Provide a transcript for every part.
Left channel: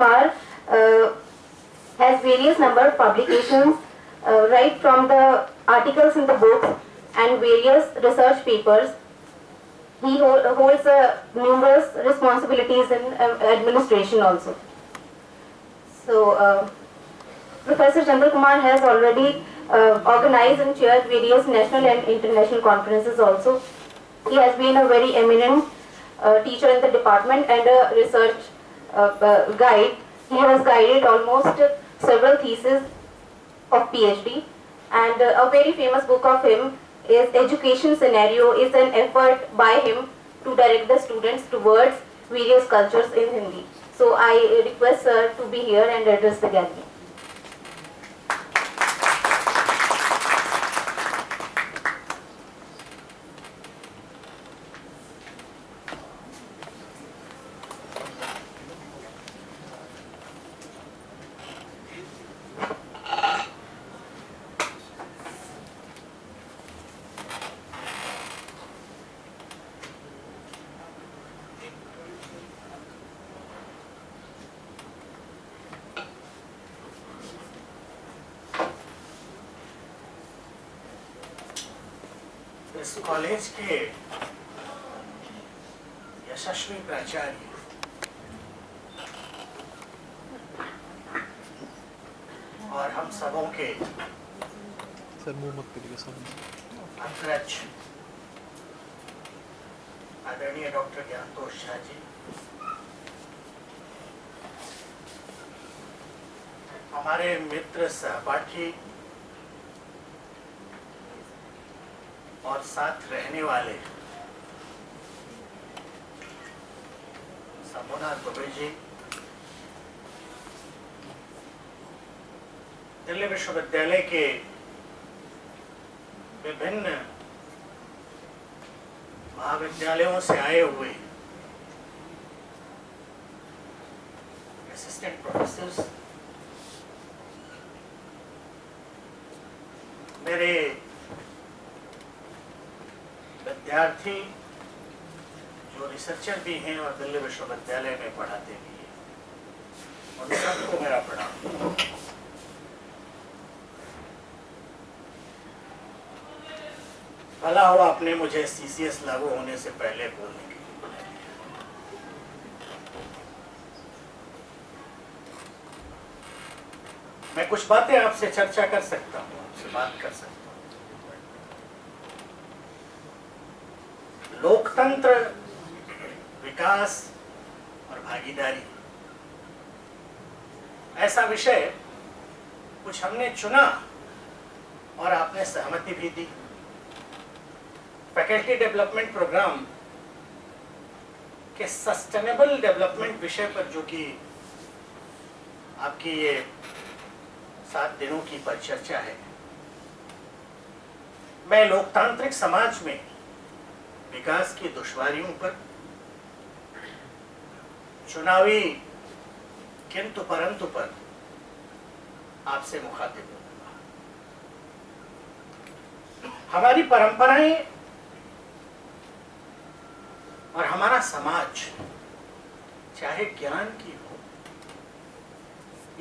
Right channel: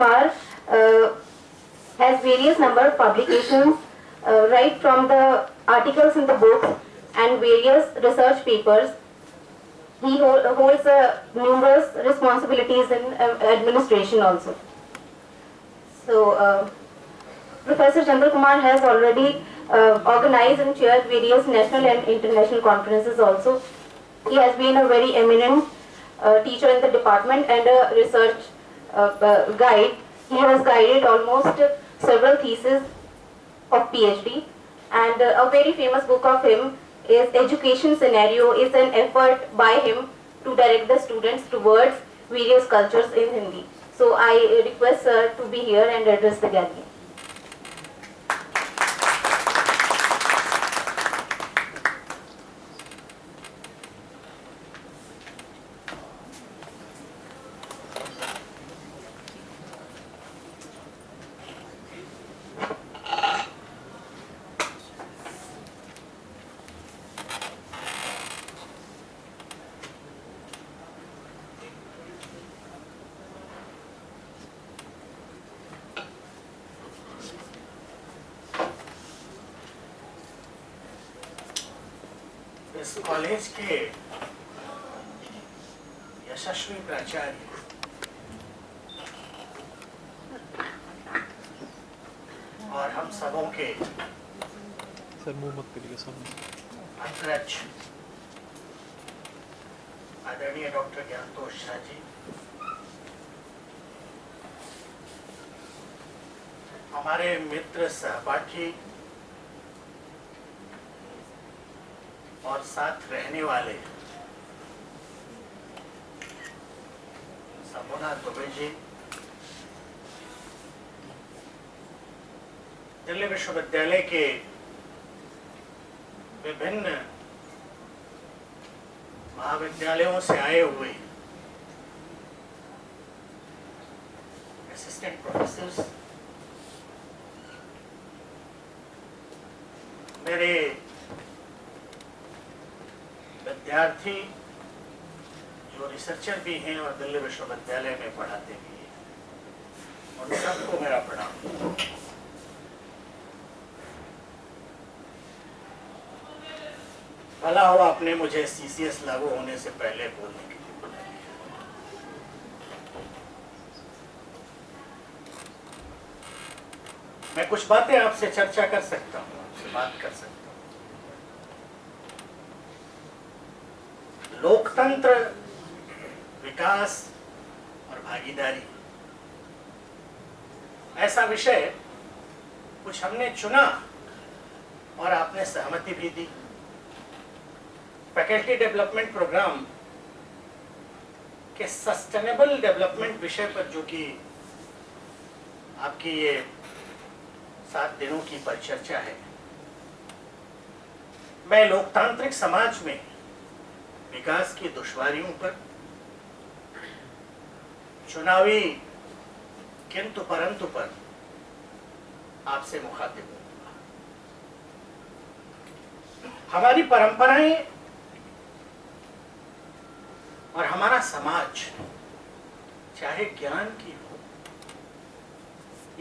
Kumar has various number of publications, right from the articles in the books and various research papers. He holds numerous responsibilities in administration also. So, Professor Chandra Kumar has already organized and chaired various national and international conferences also. He has been a very eminent teacher in the department and a research guide. He has guided almost several theses of PhD, and a very famous book of him is Education Scenario, is an effort by him to direct the students towards various cultures in Hindi. So I request sir to be here and address the gathering. इस college के यशस्वी प्राचार्य और हम सबों के अग्रज आदरणीय doctor ज्ञानतोष Jha ji, हमारे मित्र सहपाठी और साथ रहने वाले समुना दुबे जी, दिल्ली विश्वविद्यालय के विभिन्न महाविद्यालयों से आए हुए असिस्टेंट प्रोफेसर्स, मेरे विद्यार्थी जो रिसर्चर भी हैं और दिल्ली विश्वविद्यालय में पढ़ाते भी हैं, उन सबको मेरा प्रणाम। भला हुआ आपने मुझे सीसीएस लागू होने से पहले बोलने के लिए बुलाया। मैं कुछ बातें आपसे चर्चा कर सकता हूँ, आपसे बात कर सकता हूँ। लोकतंत्र, विकास और भागीदारी, ऐसा विषय कुछ हमने चुना और आपने सहमति भी दी। फैकल्टी डेवलपमेंट प्रोग्राम के सस्टेनेबल डेवलपमेंट विषय पर जो कि आपकी ये 7 दिनों की परिचर्चा है, मैं लोकतांत्रिक समाज में विकास की दुश्वारियों पर, चुनावी किंतु परंतु पर आपसे मुखातिब होऊंगा। हमारी परंपराएं और हमारा समाज, चाहे ज्ञान की हो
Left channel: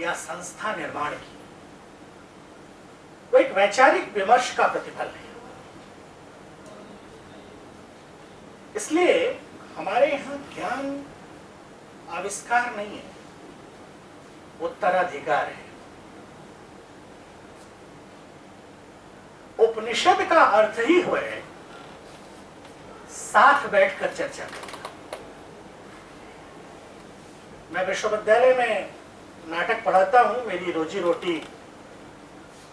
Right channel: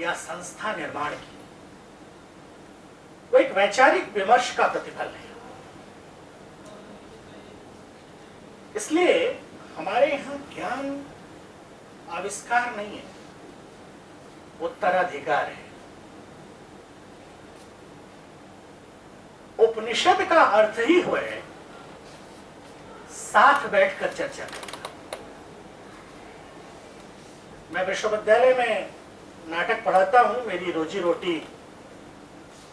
या संस्था निर्माण की, वो एक वैचारिक विमर्श का प्रतिफल है। इसलिए हमारे यहाँ ज्ञान आविष्कार नहीं है, उत्तराधिकार है। उपनिषद का अर्थ ही हुआ है साथ बैठकर चर्चा करना। मैं विश्वविद्यालय में नाटक पढ़ाता हूं, मेरी रोजी रोटी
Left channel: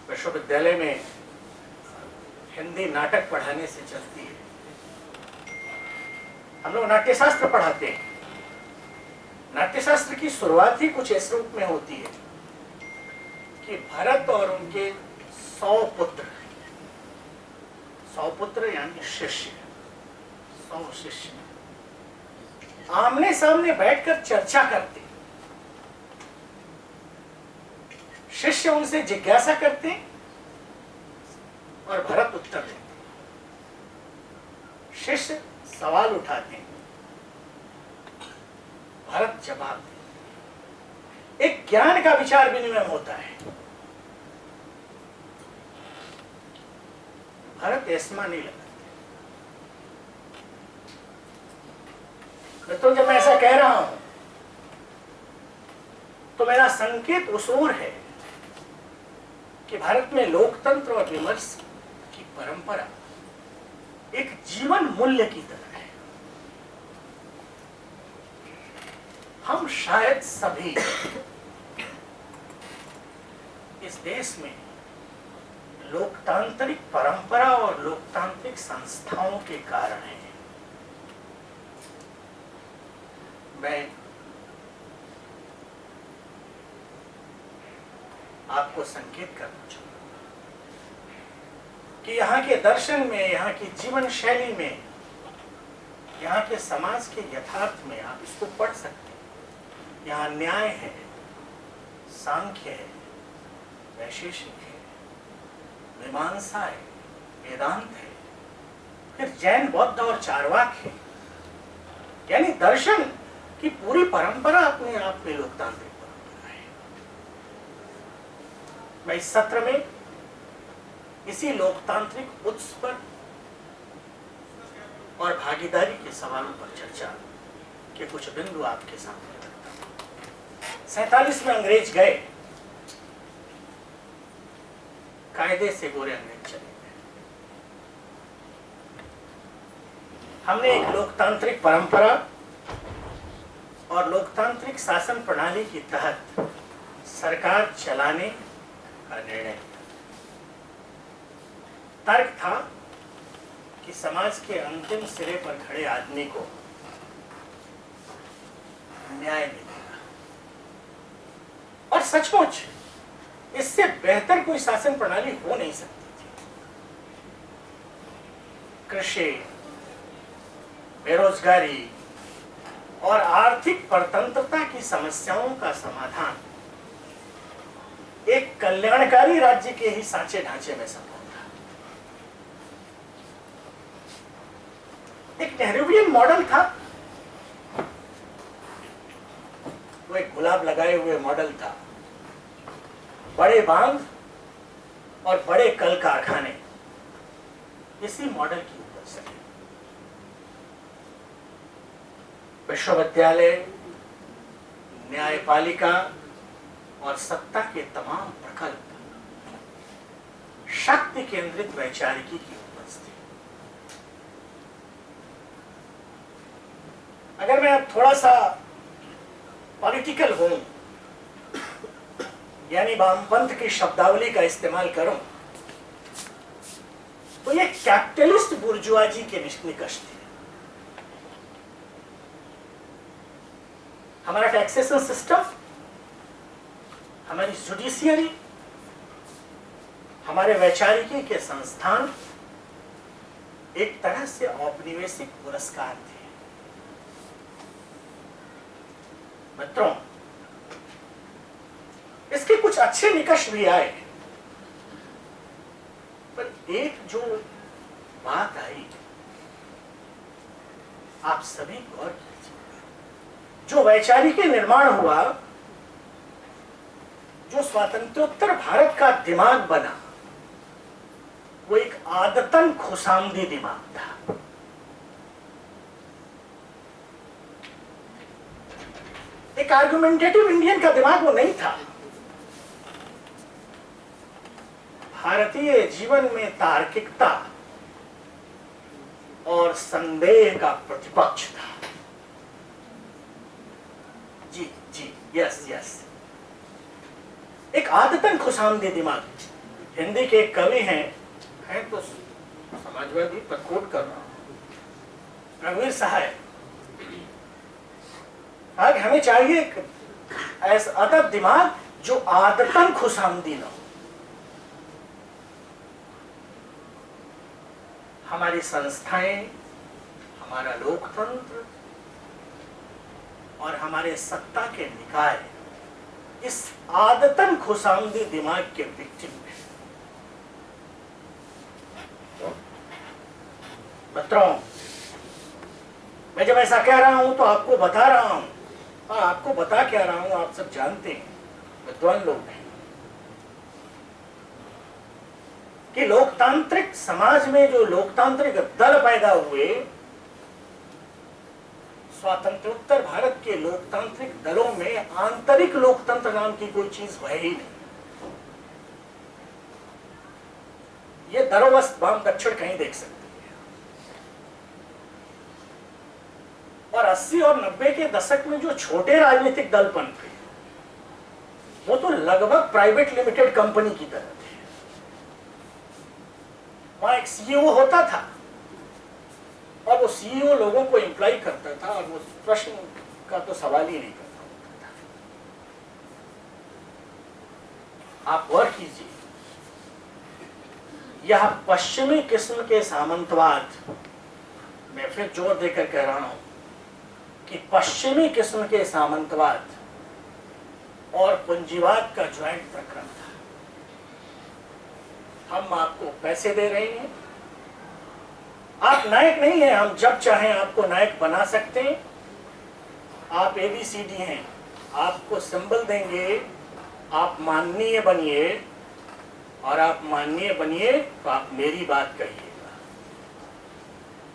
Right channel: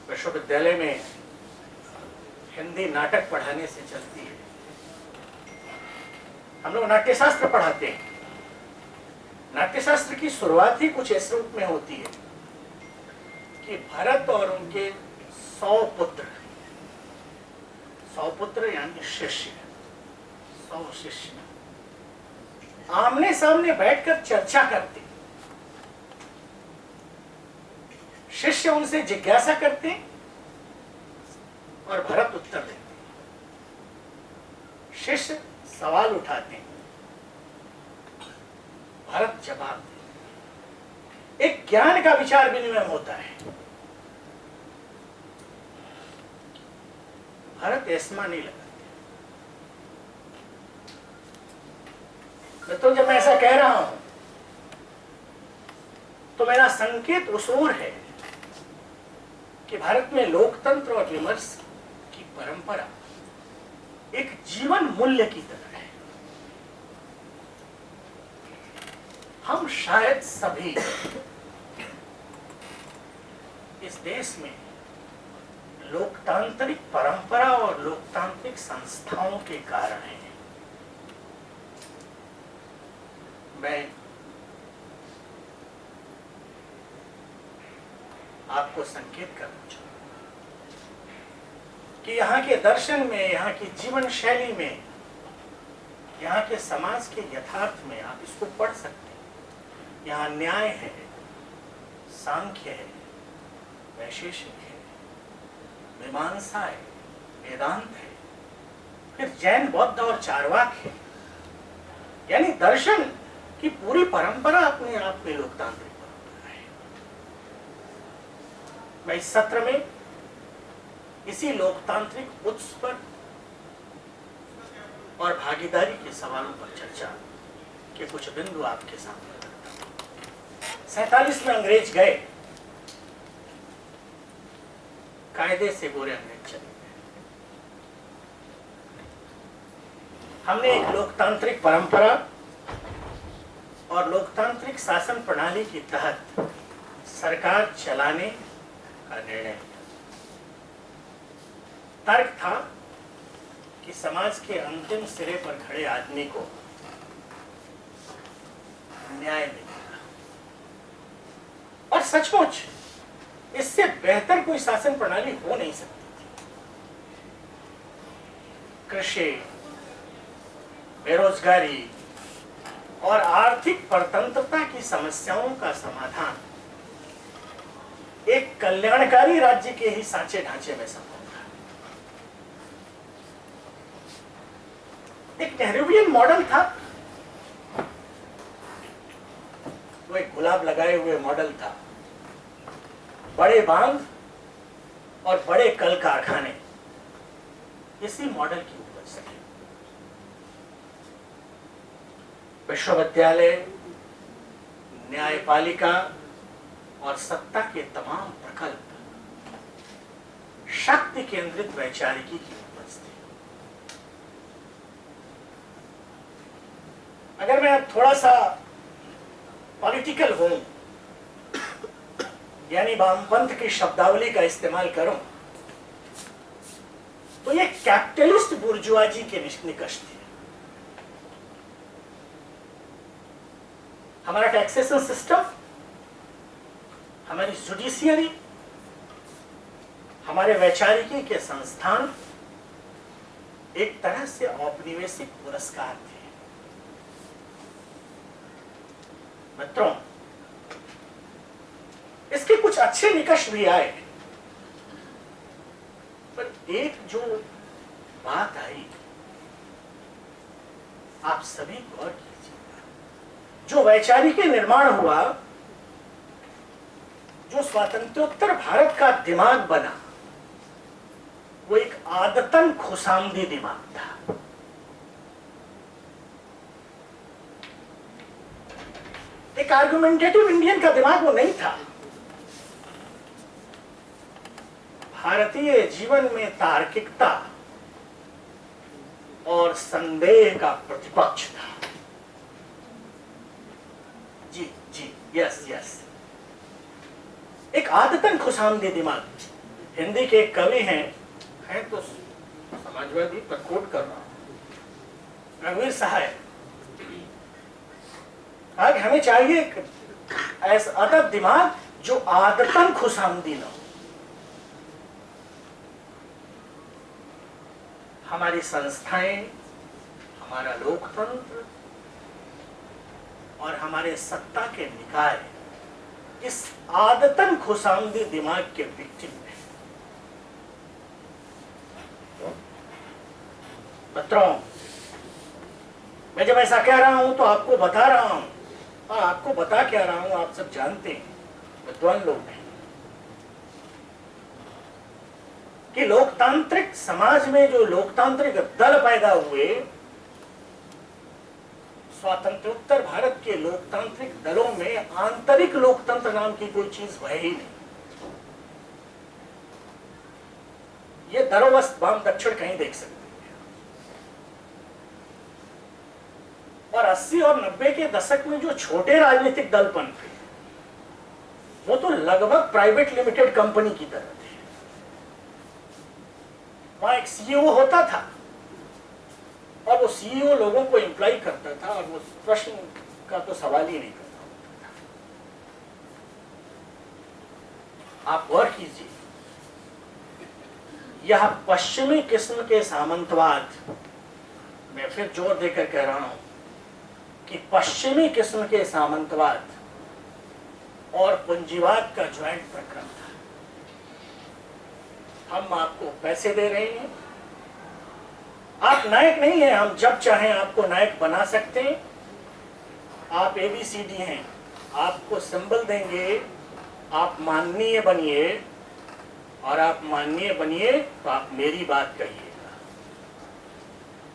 विश्वविद्यालय में हिंदी नाटक पढ़ाने से चलती है। हम लोग नाट्यशास्त्र पढ़ाते हैं। नाट्यशास्त्र की शुरुआत ही कुछ इस रूप में होती है कि भरत और उनके 100 पुत्र यानी शिष्य, 100 शिष्य आमने सामने बैठकर चर्चा करते। शिष्य उनसे जिज्ञासा करते और भरत उत्तर देते। शिष्य सवाल उठाते हैं, भरत जवाब देते। ज्ञान का विचार विनिमय होता है। भारत ऐसा नहीं लगाते। तो जब मैं ऐसा कह रहा हूं तो मेरा संकेत उस ओर है कि भारत में लोकतंत्र और विमर्श की परंपरा एक जीवन मूल्य की तरह है। हम शायद सभी इस देश में लोकतांत्रिक परंपरा और लोकतांत्रिक संस्थाओं के कारण हैं। मैं आपको संकेत करना चाहूंगा कि यहाँ के दर्शन में, यहाँ की जीवन शैली में, यहाँ के समाज के यथार्थ में आप इसको पढ़ सकते हैं। यहाँ न्याय है, सांख्य है, वैशेषिक है, मीमांसा है, वेदांत है, फिर जैन, बौद्ध और चारवाक है। यानी दर्शन की पूरी परंपरा अपने आप में लोकतांत्रिक परंपरा है। मैं इस सत्र में इसी लोकतांत्रिक उत्स पर और भागीदारी के सवालों पर चर्चा के कुछ बिंदु आपके सामने रखता हूं। 47 में अंग्रेज गए, कायदे से गोरे अंग्रेज चले गए। हमने एक लोकतांत्रिक परंपरा और लोकतांत्रिक शासन प्रणाली के तहत सरकार चलाने का निर्णय लिया। तर्क था कि समाज के अंतिम सिरे पर खड़े आदमी को न्याय मिलेगा, और सचमुच इससे बेहतर कोई शासन प्रणाली हो नहीं सकती थी। कृषि, बेरोजगारी और आर्थिक परतंत्रता की समस्याओं का समाधान एक कल्याणकारी राज्य के ही सांचे ढांचे में संभव था। एक नेहरूवियन मॉडल था, वो एक गुलाब लगाए हुए मॉडल था। बड़े बांध और बड़े कल कारखाने इसी मॉडल की उपज है। विश्वविद्यालय, न्यायपालिका और सत्ता के तमाम प्रकल्प शक्ति केंद्रित वैचारिकी की उपज थी। अगर मैं अब थोड़ा सा पॉलिटिकल हूं, यानी वामपंथ की शब्दावली का इस्तेमाल करूं, तो ये कैपिटलिस्ट बुर्जुआजी के निकष थे। हमारा टैक्सेशन सिस्टम, हमारी जुडिशियरी, हमारे वैचारिकी के संस्थान एक तरह से औपनिवेशिक पुरस्कार थे। मित्रों, इसके कुछ अच्छे निकष भी आए, पर एक जो बात आई, आप सभी गौर कीजिएगा। जो वैचारिक निर्माण हुआ, जो स्वातंत्रोत्तर भारत का दिमाग बना, वो एक आदतन खुशामदी दिमाग था। एक आर्गुमेंटेटिव इंडियन का दिमाग वो नहीं था। भारतीय जीवन में तार्किकता और संदेह का प्रतिपक्ष था। जी जी, यस यस, एक आदतन खुशामदी दिमाग। हिंदी के एक कवि हैं तो समाजवादी पर कोट कर रहा हूं, रघुवीर सहाय। आज हमें चाहिए ऐसा अदब दिमाग जो आदतन खुशामदी न हो। हमारी संस्थाएं, हमारा लोकतंत्र और हमारे सत्ता के निकाय इस आदतन खुशामदी दिमाग के विक्टिम है। मित्रों, मैं जब ऐसा कह रहा हूं तो आपको बता रहा हूं, और आपको बता क्या रहा हूं, आप सब जानते हैं विद्वान लोग नहीं, कि लोकतांत्रिक समाज में जो लोकतांत्रिक दल पैदा हुए, स्वातंत्रोत्तर भारत के लोकतांत्रिक दलों में आंतरिक लोकतंत्र नाम की कोई चीज है ही नहीं। ये दरोवस्त वाम दक्षिण कहीं देख सकते हैं। और 80 और 90 के दशक में जो छोटे राजनीतिक दल पनपे, वो तो लगभग प्राइवेट लिमिटेड कंपनी की तरह थे। वहां एक सीईओ होता था और वो सीईओ लोगों को एम्प्लॉय करता था और वो प्रश्न का तो सवाल ही नहीं करता होता था। आप गौर कीजिए, यह पश्चिमी किस्म के सामंतवाद, मैं फिर जोर देकर कह रहा हूं कि पश्चिमी किस्म के सामंतवाद और पूंजीवाद का ज्वाइंट प्रकरण था। हम आपको पैसे दे रहे हैं, आप नायक नहीं हैं, हम जब चाहें आपको नायक बना सकते हैं। आप ABCD हैं, आपको सिंबल देंगे, आप माननीय बनिए, और आप माननीय बनिए तो आप मेरी बात कहिएगा।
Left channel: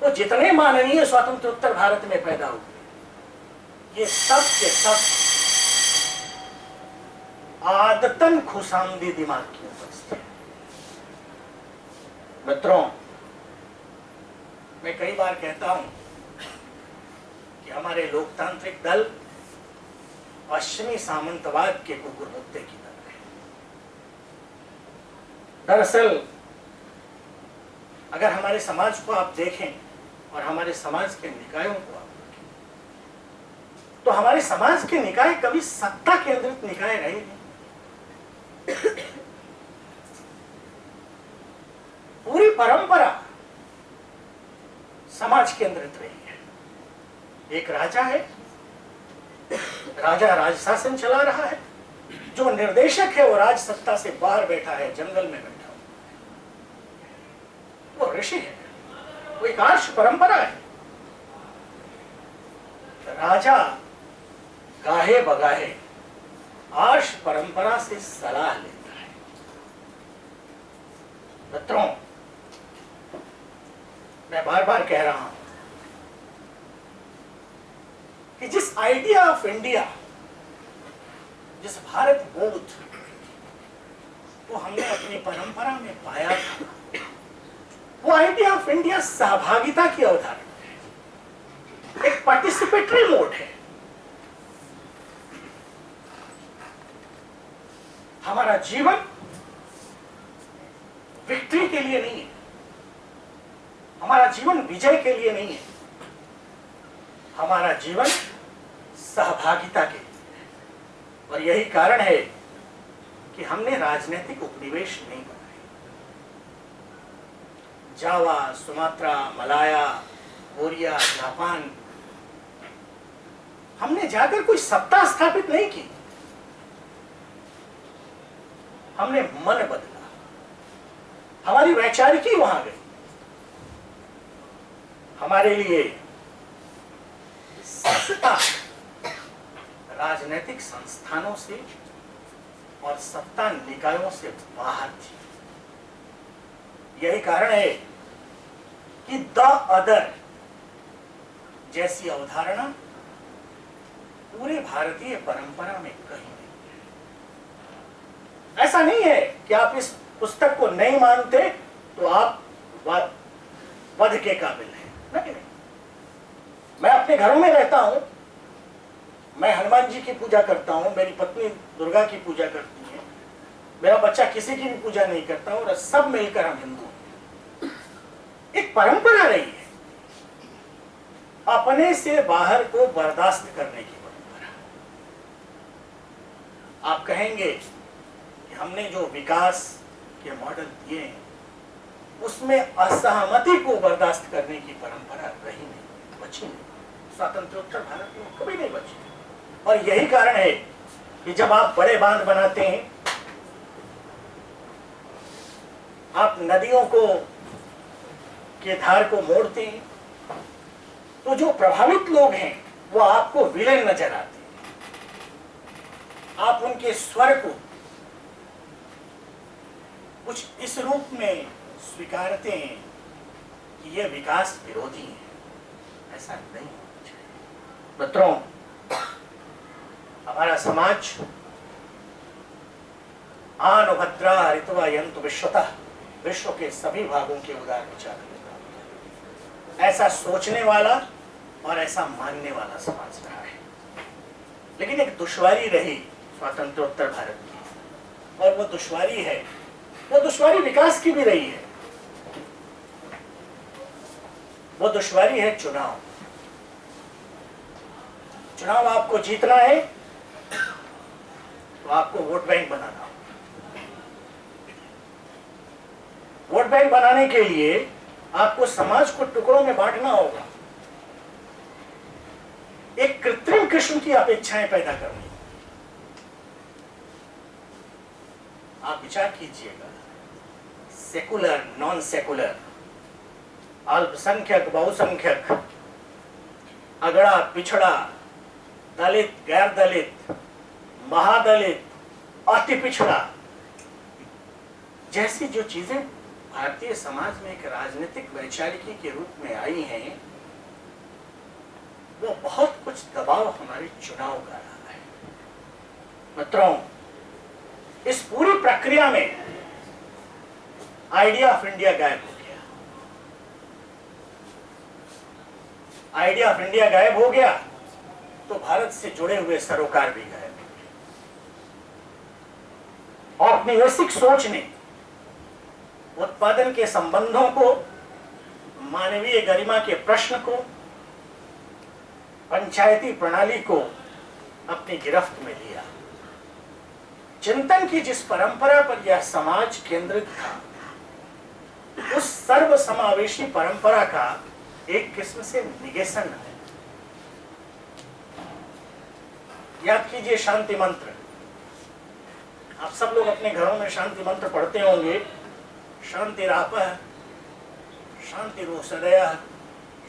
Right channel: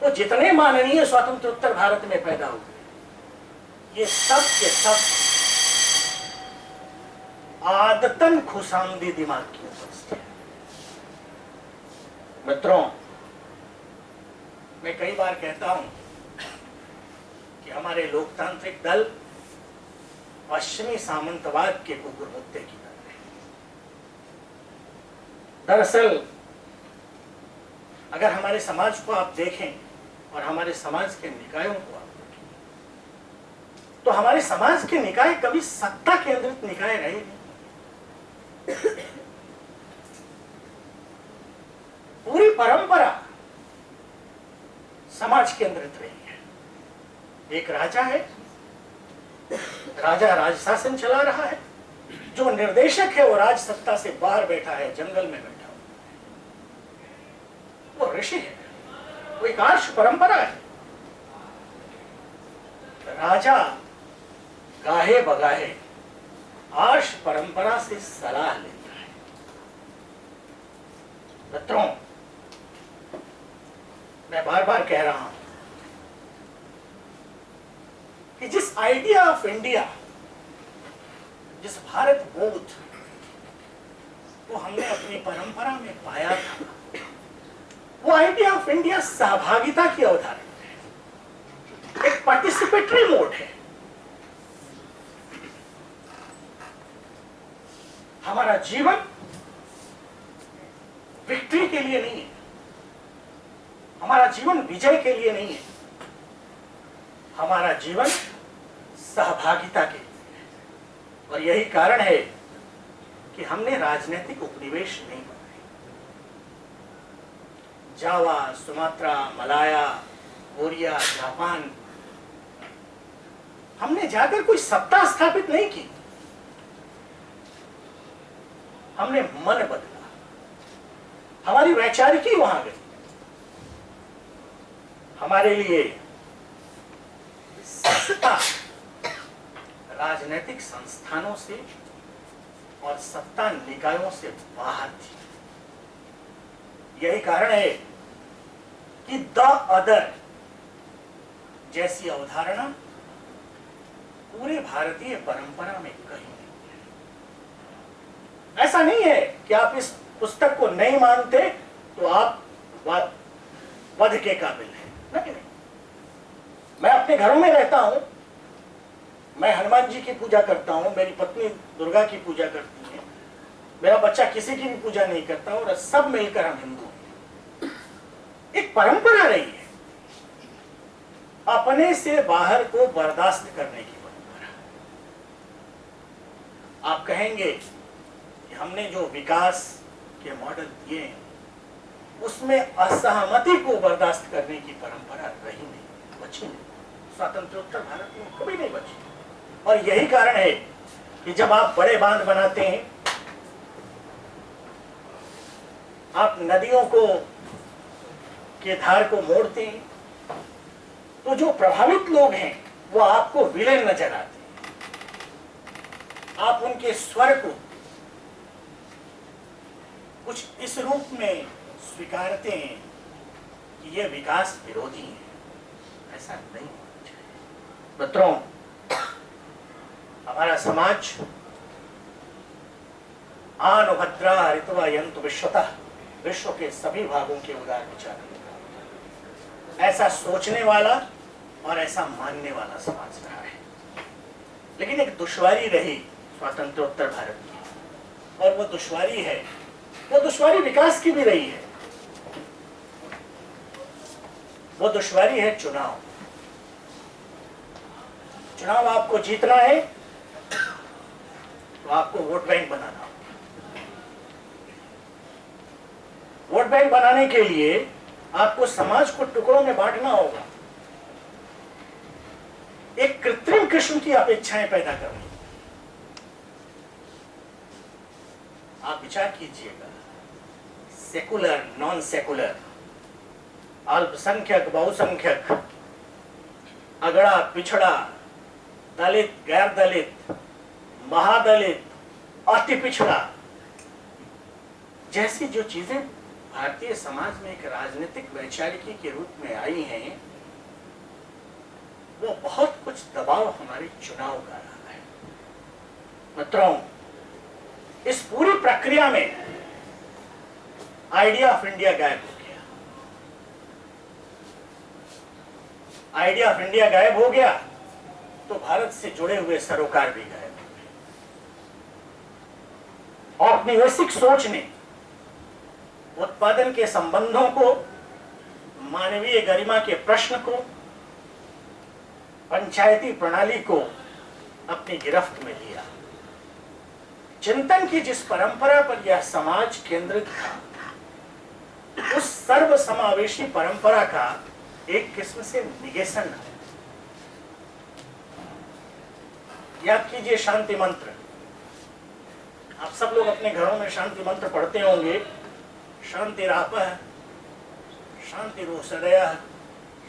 तो जितने माननीय स्वतंत्रोत्तर भारत में पैदा हुए, ये सब के सब आदतन खुशामदी दिमाग की उपज थे। मित्रों, मैं कई बार कहता हूं कि हमारे लोकतांत्रिक दल पश्चिमी सामंतवाद के कुकुर मुत्ते की तरह है। दरअसल अगर हमारे समाज को आप देखें और हमारे समाज के निकायों को आप देखें, तो हमारे समाज के निकाय कभी सत्ता केंद्रित निकाय रहे नहीं। पूरी परंपरा समाज केंद्रित रही है। एक राजा है, राजा राज शासन चला रहा है, जो निर्देशक है वो राज सत्ता से बाहर बैठा है, जंगल में बैठा हुआ है, वो ऋषि है, वो एक आर्ष परंपरा है। राजा गाहे बगाहे आर्ष परंपरा से सलाह लेता है। मित्रों, मैं बार बार कह रहा हूं कि जिस आइडिया ऑफ इंडिया, जिस भारत बोध को हमने अपनी परंपरा में पाया था, वो आइडिया ऑफ इंडिया सहभागिता की अवधारणा है, एक पार्टिसिपेटरी मोड है। हमारा जीवन विक्ट्री के लिए नहीं है, हमारा जीवन विजय के लिए नहीं है, हमारा जीवन सहभागिता के लिए है। और यही कारण है कि हमने राजनीतिक उपनिवेश नहीं बनाए। जावा, सुमात्रा, मलाया, कोरिया, जापान, हमने जाकर कोई सत्ता स्थापित नहीं की, हमने मन बदला, हमारी वैचारिकी वहां गई। हमारे लिए सत्ता राजनीतिक संस्थानों से और सत्ता निकायों से बाहर थी। यही कारण है कि द अदर जैसी अवधारणा पूरे भारतीय परंपरा में कहीं नहीं है। ऐसा नहीं है कि आप इस पुस्तक को नहीं मानते तो आप वध के काबिल हैं। नहीं, मैं अपने घरों में रहता हूं, मैं हनुमान जी की पूजा करता हूं, मेरी पत्नी दुर्गा की पूजा करती है, मेरा बच्चा किसी की भी पूजा नहीं करता और सब मिलकर हम हिंदू हैं। एक परंपरा रही है, अपने से बाहर को बर्दाश्त करने की परंपरा। आप कहेंगे कि हमने जो विकास के मॉडल दिए हैं उसमें असहमति को बर्दाश्त करने की परंपरा रही नहीं, बची नहीं। स्वतंत्रोत्तर भारत में कभी नहीं बची। और यही कारण है कि जब आप बड़े बांध बनाते हैं, आप नदियों को के धार को मोड़ते हैं, तो जो प्रभावित लोग हैं वो आपको विलेन नजर आते हैं, आप उनके स्वर को कुछ इस रूप में स्वीकारते हैं कि ये विकास विरोधी है, ऐसा नहीं होना चाहिए। मित्रों, हमारा समाज आनुभद्रा हरित्वा यन्तु विश्वतः, विश्व के सभी भागों के उदार विचार रखता है, ऐसा सोचने वाला और ऐसा मानने वाला समाज रहा है। लेकिन एक दुश्वारी रही स्वातंत्रोत्तर भारत की, और वो दुश्वारी है, वो दुश्वारी विकास की भी रही है। वो दुश्वारी है चुनाव। चुनाव आपको जीतना है तो आपको वोट बैंक बनाना होगा। वोट बैंक बनाने के लिए आपको समाज को टुकड़ों में बांटना होगा, एक कृत्रिम किस्म की अपेक्षाएं पैदा करनी। आप विचार कीजिएगा, सेकुलर, नॉन सेकुलर, अल्पसंख्यक, बहुसंख्यक, अगड़ा, पिछड़ा, दलित, गैर दलित, महादलित, अति पिछड़ा जैसी जो चीजें भारतीय समाज में एक राजनीतिक वैचारिकी के रूप में आई हैं, वो बहुत कुछ दबाव हमारे चुनाव का रहा है। मित्रों, इस पूरी प्रक्रिया में आइडिया ऑफ इंडिया गायब हो गया। आइडिया ऑफ इंडिया गायब हो गया तो भारत से जुड़े हुए सरोकार भी गायब हो गए। औपनिवेशिक सोच ने उत्पादन के संबंधों को, मानवीय गरिमा के प्रश्न को, पंचायती प्रणाली को अपनी गिरफ्त में लिया। चिंतन की जिस परंपरा पर यह समाज केंद्रित था, उस सर्वसमावेशी परंपरा का एक किस्म से निगेशन है। याद कीजिए शांति मंत्र। आप सब लोग अपने घरों में शांति मंत्र पढ़ते होंगे। शांतिरापः, शांतिरोषधयः,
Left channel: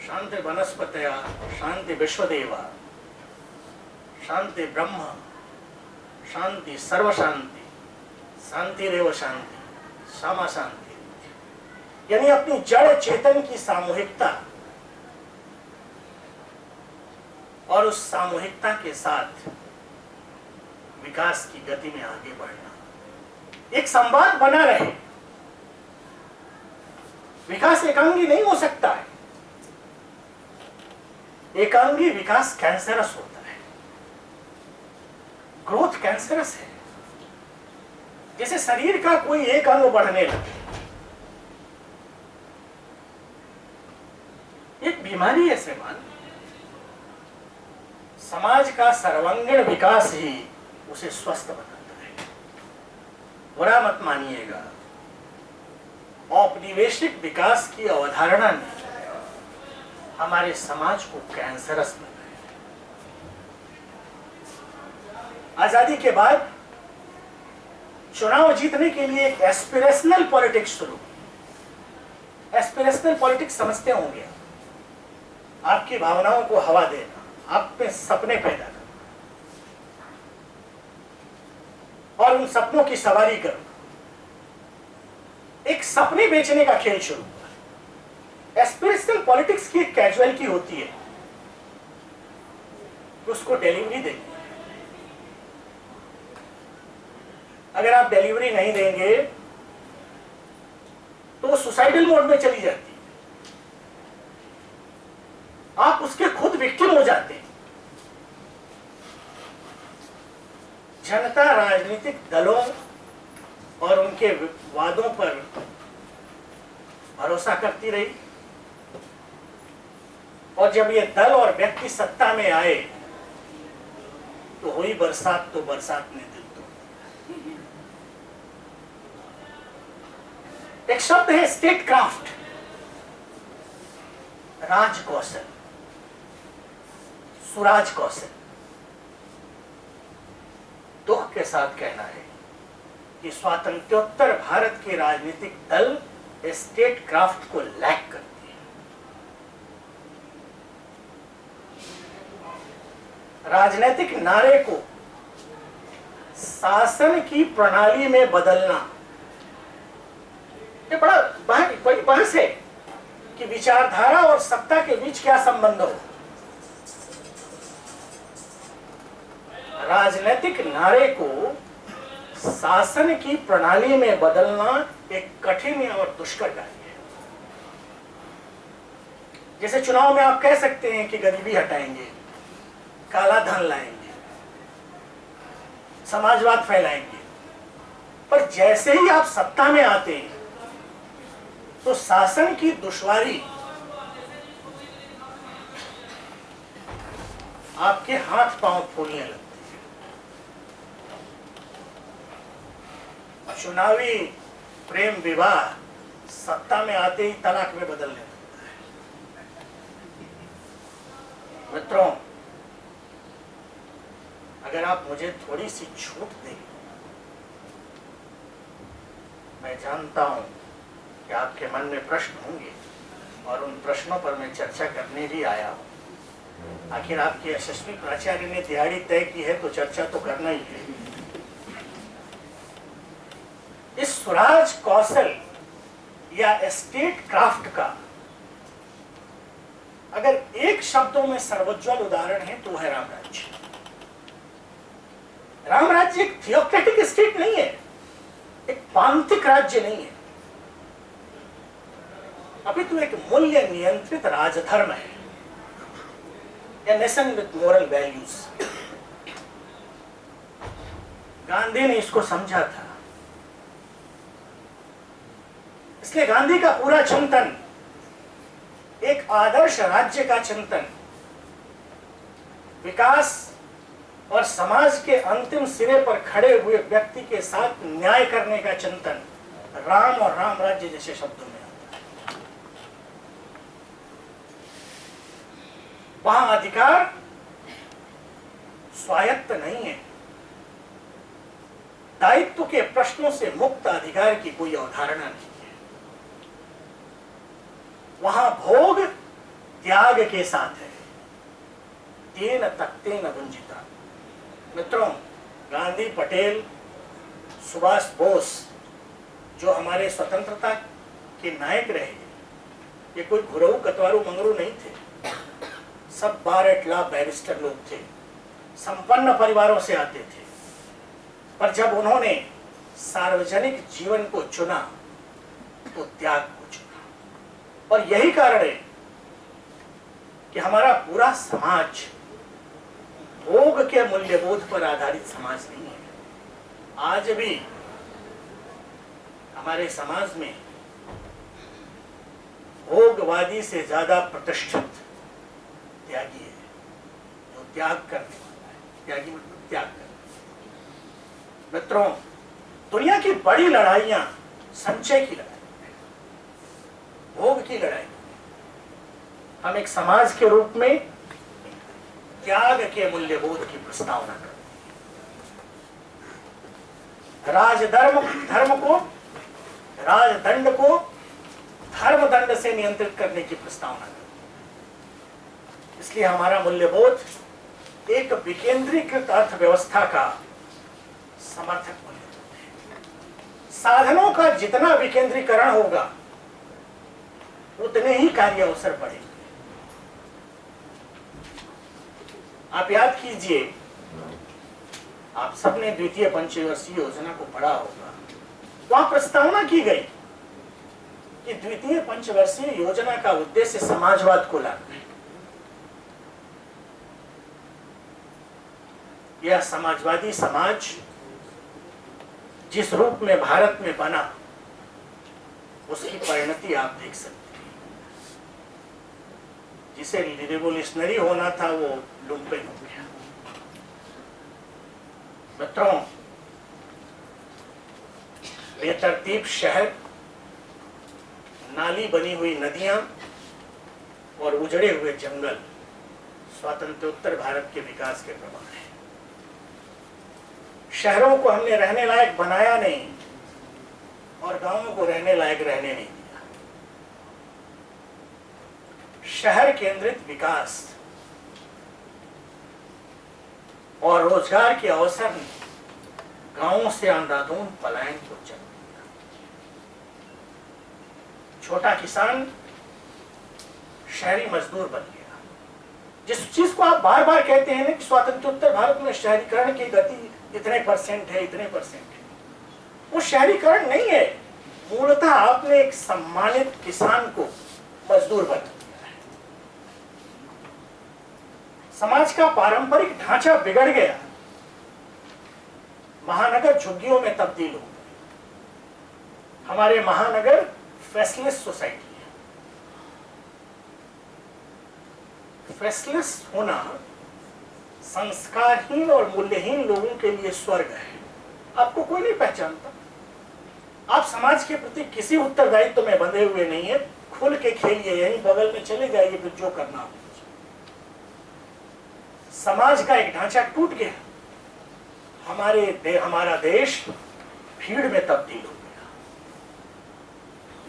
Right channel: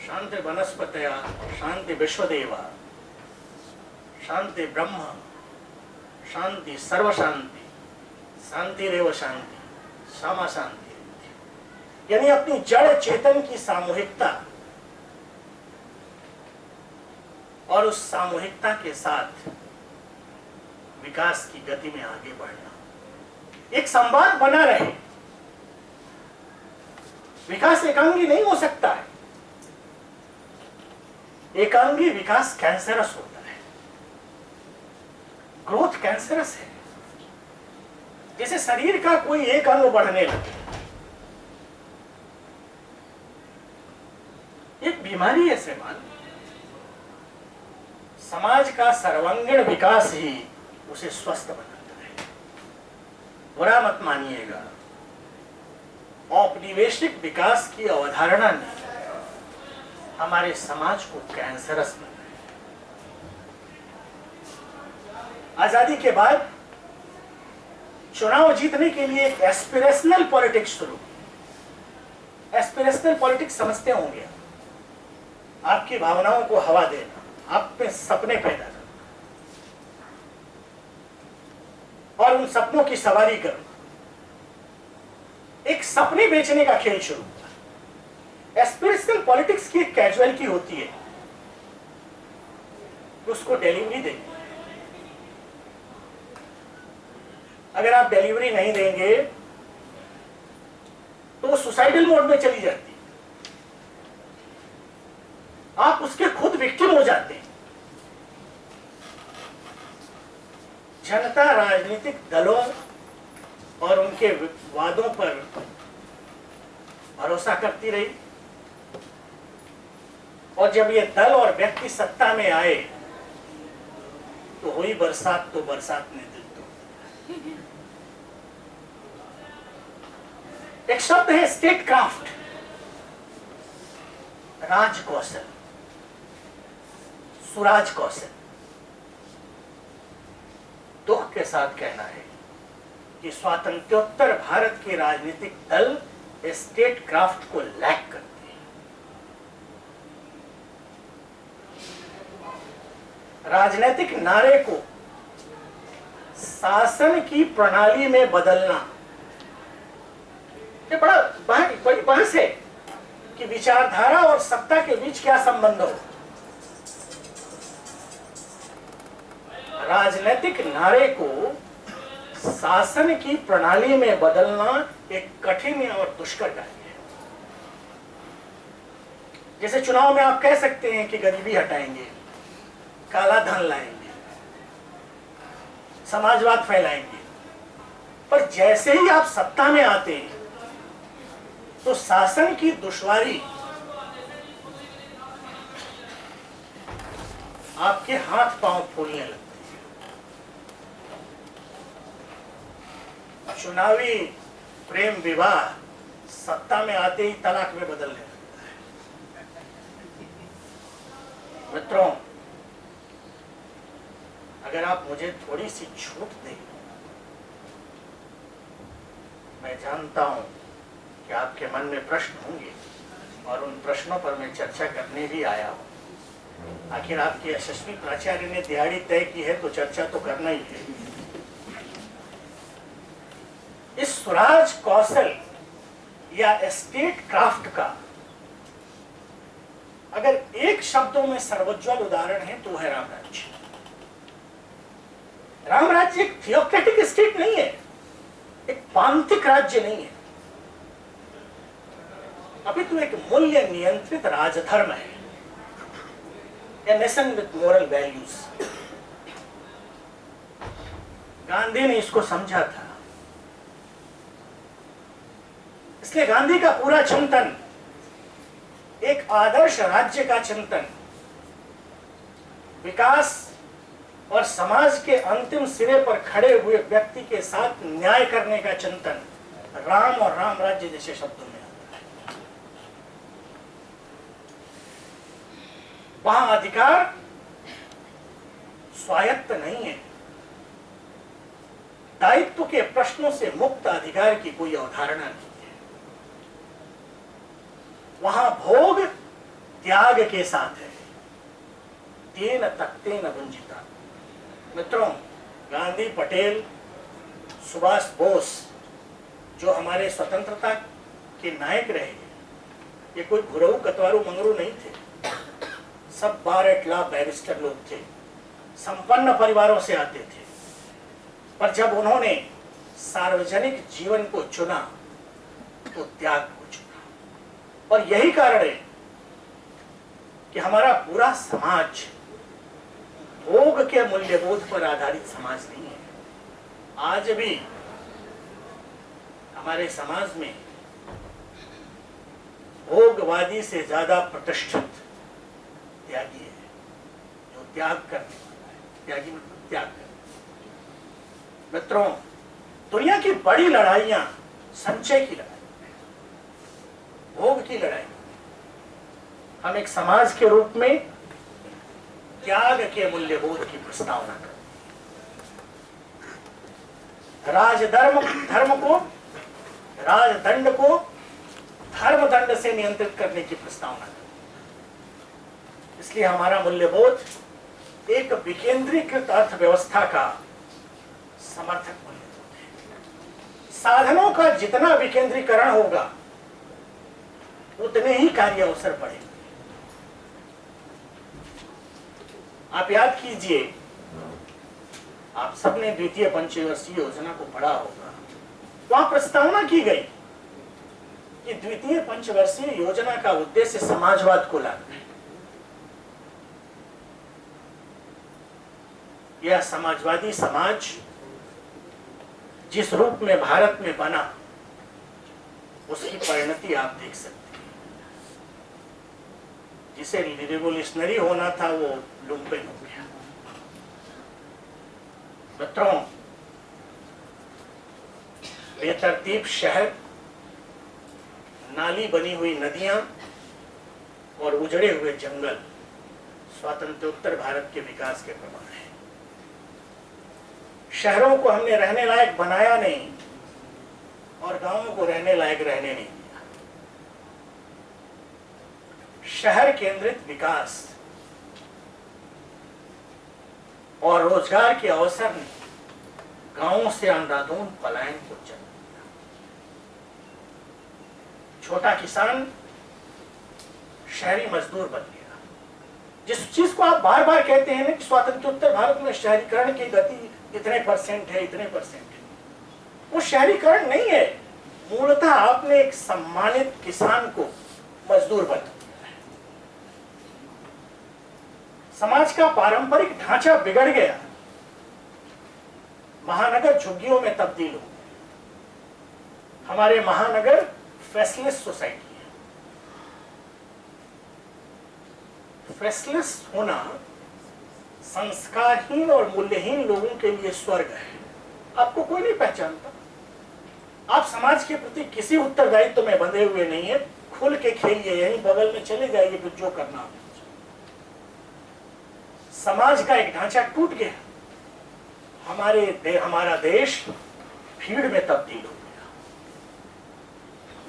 शांति वनस्पतयः, शांति विश्वदेवा, शांति ब्रह्म, शांति सर्व शांति, शांतिरेव शांति, सामा शांति। यानी अपनी जड़ चेतन की सामूहिकता और उस सामूहिकता के साथ विकास की गति में आगे बढ़ना, एक संवाद बना रहे। विकास एकांगी नहीं हो सकता है। एकांगी विकास कैंसरस होता है। ग्रोथ कैंसरस है। जैसे शरीर का कोई एक अंग बढ़ने लगे, एक बीमारी है श्रीमान। समाज का सर्वांगीण विकास ही उसे स्वस्थ बनाता है। बुरा मत मानिएगा, औपनिवेशिक विकास की अवधारणा ने हमारे समाज को कैंसरस बनाया। आजादी के बाद चुनाव जीतने के लिए एक एस्पिरेशनल पॉलिटिक्स शुरू की। एस्पिरेशनल पॉलिटिक्स समझते होंगे, आपकी भावनाओं को हवा देना, आप में सपने पैदा करना और उन सपनों की सवारी करना। एक सपने बेचने का खेल शुरू हुआ। एस्पिरेशनल पॉलिटिक्स की एक कैजुअलिटी होती है, उसको डिलीवरी देनी। अगर आप डिलीवरी नहीं देंगे तो सुसाइडल मोड में चली जाती है, आप उसके खुद विक्टिम हो जाते हैं। जनता राजनीतिक दलों और उनके वादों पर भरोसा करती रही, और जब ये दल और व्यक्ति सत्ता में आए तो हुई बरसात, तो बरसात ने दिल तोड़ दिया। एक शब्द है स्टेट क्राफ्ट, राज कौशल, सुराज कौशल। दुख के साथ कहना है कि स्वातंत्र्योत्तर भारत के राजनीतिक दल स्टेट क्राफ्ट को लैक करते हैं। राजनीतिक नारे को शासन की प्रणाली में बदलना, ये बड़ी बहस है कि विचारधारा और सत्ता के बीच क्या संबंध हो। राजनीतिक नारे को शासन की प्रणाली में बदलना एक कठिन और दुष्कर कार्य है। जैसे चुनाव में आप कह सकते हैं कि गरीबी हटाएंगे, काला धन लाएंगे, समाजवाद फैलाएंगे, पर जैसे ही आप सत्ता में आते हैं तो शासन की दुश्वारी आपके हाथ पांव फूलने लगते हैं। चुनावी प्रेम विवाह सत्ता में आते ही तलाक में बदलने लगता है। मित्रों, अगर आप मुझे थोड़ी सी छूट दें, मैं जानता हूं कि आपके मन में प्रश्न होंगे और उन प्रश्नों पर मैं चर्चा करने भी आया हूं। आखिर आपके यशस्वी प्राचार्य ने दिहाड़ी तय की है तो चर्चा तो करना ही है। इस स्वराज कौशल या स्टेट क्राफ्ट का अगर एक शब्दों में सर्वोज्वल उदाहरण है तो है रामराज्य। रामराज्य एक थियोक्रेटिक स्टेट नहीं है, एक पांथिक राज्य नहीं है, अपितु एक मूल्य नियंत्रित राजधर्म है, या nation with moral values. Gandhi ने इसको समझा था, इसलिए गांधी का पूरा चिंतन एक आदर्श राज्य का चिंतन, विकास और समाज के अंतिम सिरे पर खड़े हुए व्यक्ति के साथ न्याय करने का चिंतन राम और राम राज्य जैसे शब्दों में आता है। वहां अधिकार स्वायत्त नहीं है, दायित्व के प्रश्नों से मुक्त अधिकार की कोई अवधारणा नहीं है। वहां भोग त्याग के साथ है, तेन तक्तेन वंजिता। मित्रों, गांधी, पटेल, सुभाष बोस जो हमारे स्वतंत्रता के नायक रहे, ये कोई घुरऊ कतवारू मंगरू नहीं थे। सब बार एट लॉ बैरिस्टर लोग थे, संपन्न परिवारों से आते थे, पर जब उन्होंने सार्वजनिक जीवन को चुना तो त्याग को चुना। और यही कारण है कि हमारा पूरा समाज भोग के मूल्यबोध पर आधारित समाज नहीं है। आज भी हमारे समाज में भोगवादी से ज्यादा प्रतिष्ठित त्यागी है, जो त्याग करने वाला है। त्यागी मतलब त्याग करना। मित्रों, दुनिया की बड़ी लड़ाइयां संचय की लड़ाई, भोग की लड़ाई। हम एक समाज के रूप में त्याग के मूल्यबोध की प्रस्तावना करते हैं। धर्म को, राजदंड को धर्मदंड से नियंत्रित करने की प्रस्तावना करते हैं। इसलिए हमारा मूल्यबोध एक विकेंद्रीकृत अर्थव्यवस्था का समर्थक मूल्यबोध है। साधनों का जितना विकेंद्रीकरण होगा उतने ही कार्य अवसर बढ़ेंगे। आप याद कीजिए, आप सबने द्वितीय पंचवर्षीय योजना को पढ़ा होगा। वहां प्रस्तावना की गई कि द्वितीय पंचवर्षीय योजना का उद्देश्य समाजवाद को लाना है। यह समाजवादी समाज जिस रूप में भारत में बना, उसकी परिणति आप देख सकते हैं। जिसे रिवोल्यूशनरी होना था वो लुम्पेन हो गया। मित्रों, बेतरतीब शहर, नाली बनी हुई नदियां और उजड़े हुए जंगल स्वातंत्रोत्तर भारत के विकास के प्रमाण हैं। शहरों को हमने रहने लायक बनाया नहीं और गांवों को रहने लायक रहने नहीं दिया। शहर केंद्रित विकास और रोजगार के अवसर ने गांवों से अंधाधुंध पलायन को जन्म दिया। छोटा किसान शहरी मजदूर बन गया। जिस चीज को आप बार बार कहते हैं ना कि स्वातंत्रोत्तर भारत में शहरीकरण की गति इतने परसेंट है, इतने परसेंट है, वो शहरीकरण नहीं है। मूलतः आपने एक सम्मानित किसान को मजदूर बना दिया है। समाज का पारंपरिक ढांचा बिगड़ गया, महानगर झुग्गियों में तब्दील हो गए। हमारे महानगर फेसलेस सोसाइटी है। फेसलेस होना संस्कारहीन और मूल्यहीन लोगों के लिए स्वर्ग है। आपको कोई नहीं पहचानता, आप समाज के प्रति किसी उत्तरदायित्व में बंधे हुए नहीं है। खुल के खेलिए, यहीं बगल में चले जाइए, फिर जो करना हो। समाज का एक ढांचा टूट गया। हमारा देश भीड़ में तब्दील हो गया।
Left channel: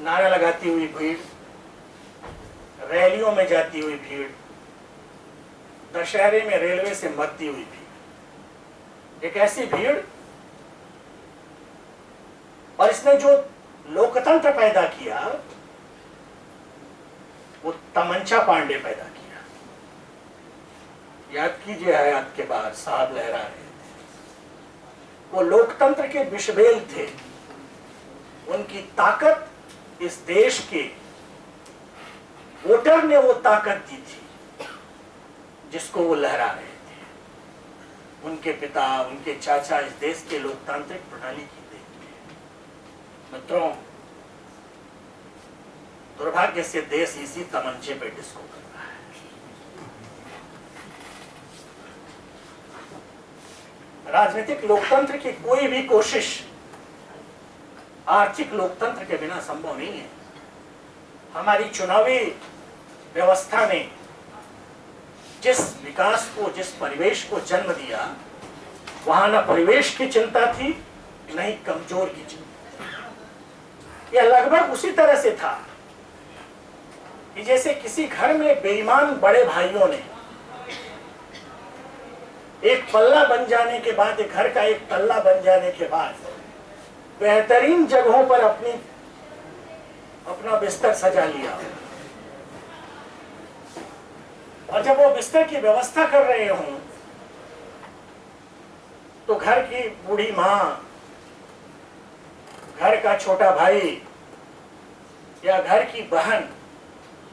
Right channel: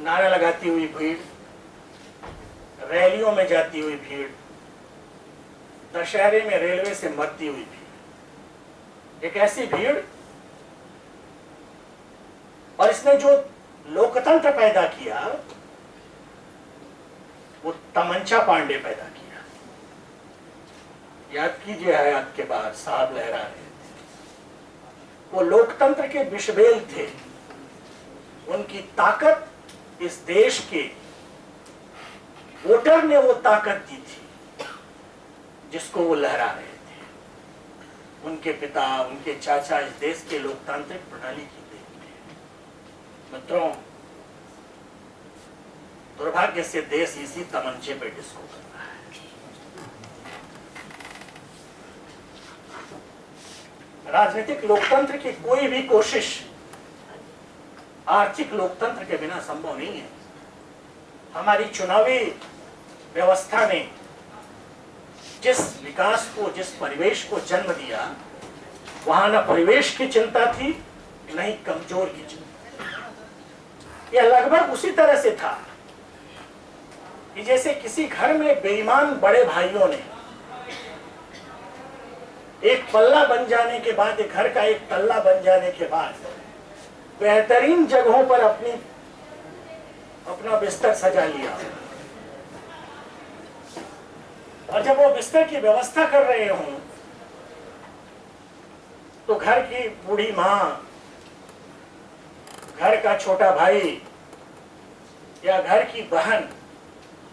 नारा लगाती हुई भीड़, रैलियों में जाती हुई भीड़, दशहरे में रेलवे से मरती हुई भीड़, एक ऐसी भीड़। और इसने जो लोकतंत्र पैदा किया वो तमंचा पांडे पैदा किया। याद कीजिए, हयात के बाद साहब लहरा रहे थे, वो लोकतंत्र के विषबेल थे। उनकी ताकत इस देश के वोटर ने वो ताकत दी थी जिसको वो लहरा रहे थे। उनके पिता, उनके चाचा इस देश के लोकतांत्रिक प्रणाली की देन थे। मित्रों, दुर्भाग्य से देश इसी तमंचे पे डिस्को कर रहा है। राजनीतिक लोकतंत्र की कोई भी कोशिश आर्थिक लोकतंत्र के बिना संभव नहीं है। हमारी चुनावी व्यवस्था ने जिस विकास को, जिस परिवेश को जन्म दिया, वहां न परिवेश की चिंता थी, न ही कमजोर की चिंता। यह लगभग उसी तरह से था कि जैसे किसी घर में बेईमान बड़े भाइयों ने एक पल्ला बन जाने के बाद, एक घर का एक तल्ला बन जाने के बाद बेहतरीन जगहों पर अपना बिस्तर सजा लिया, और जब वो बिस्तर की व्यवस्था कर रहे हों तो घर की बूढ़ी मां, घर का छोटा भाई या घर की बहन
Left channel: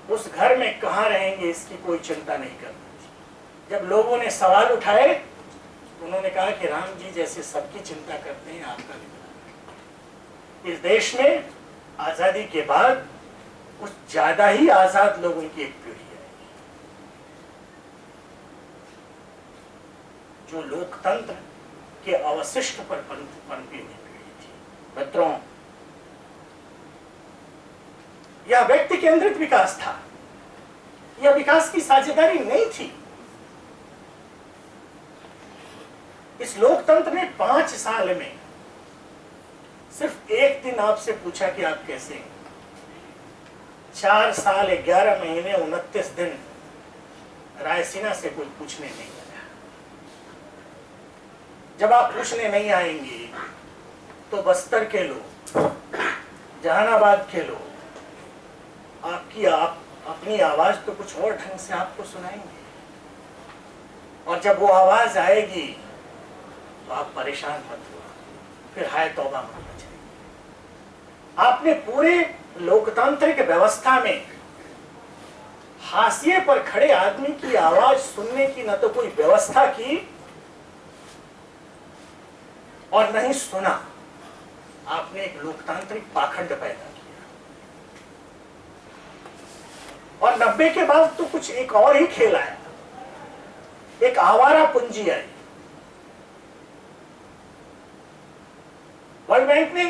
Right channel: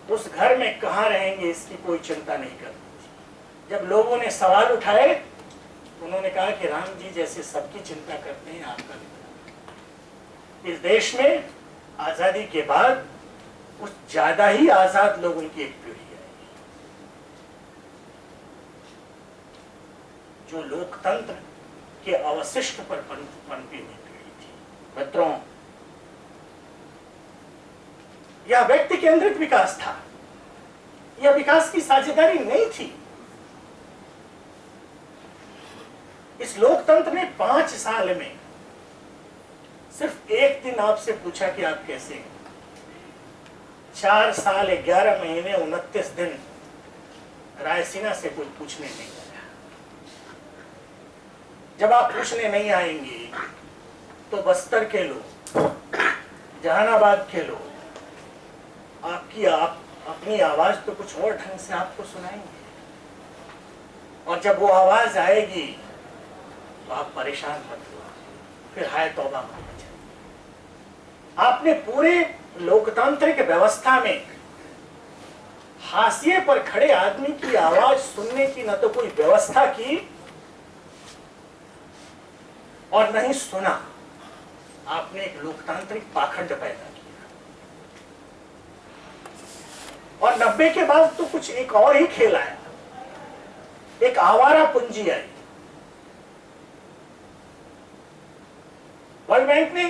उस घर में कहां रहेंगे इसकी कोई चिंता नहीं करती थी। जब लोगों ने सवाल उठाए, उन्होंने कहा कि राम जी जैसे सबकी चिंता करते हैं, आपका भी। इस देश में आजादी के बाद कुछ ज्यादा ही आजाद लोगों की एक पीढ़ी है जो लोकतंत्र के अवशिष्ट पर पनपी हुई पीढ़ी थी। मित्रों, यह व्यक्ति केंद्रित विकास था, यह विकास की साझेदारी नहीं थी। इस लोकतंत्र ने 5 साल में सिर्फ एक दिन आपसे पूछा कि आप कैसे हैं। 4 साल 11 महीने 29 दिन रायसीना से कोई पूछने नहीं आया। जब आप पूछने नहीं आएंगे तो बस्तर के लोग, जहानाबाद के लोग अपनी आवाज तो कुछ और ढंग से आपको सुनाएंगे, और जब वो आवाज आएगी तो आप परेशान मत हो, फिर हाय तौबा मत बचाइए। आपने पूरे लोकतांत्रिक व्यवस्था में हाशिए पर खड़े आदमी की आवाज सुनने की न तो कोई व्यवस्था की और न ही सुना। आपने एक लोकतांत्रिक पाखंड पैदा किया, और 90 के बाद तो कुछ एक और ही खेल आया, एक आवारा पूंजी आई। वर्ल्ड बैंक ने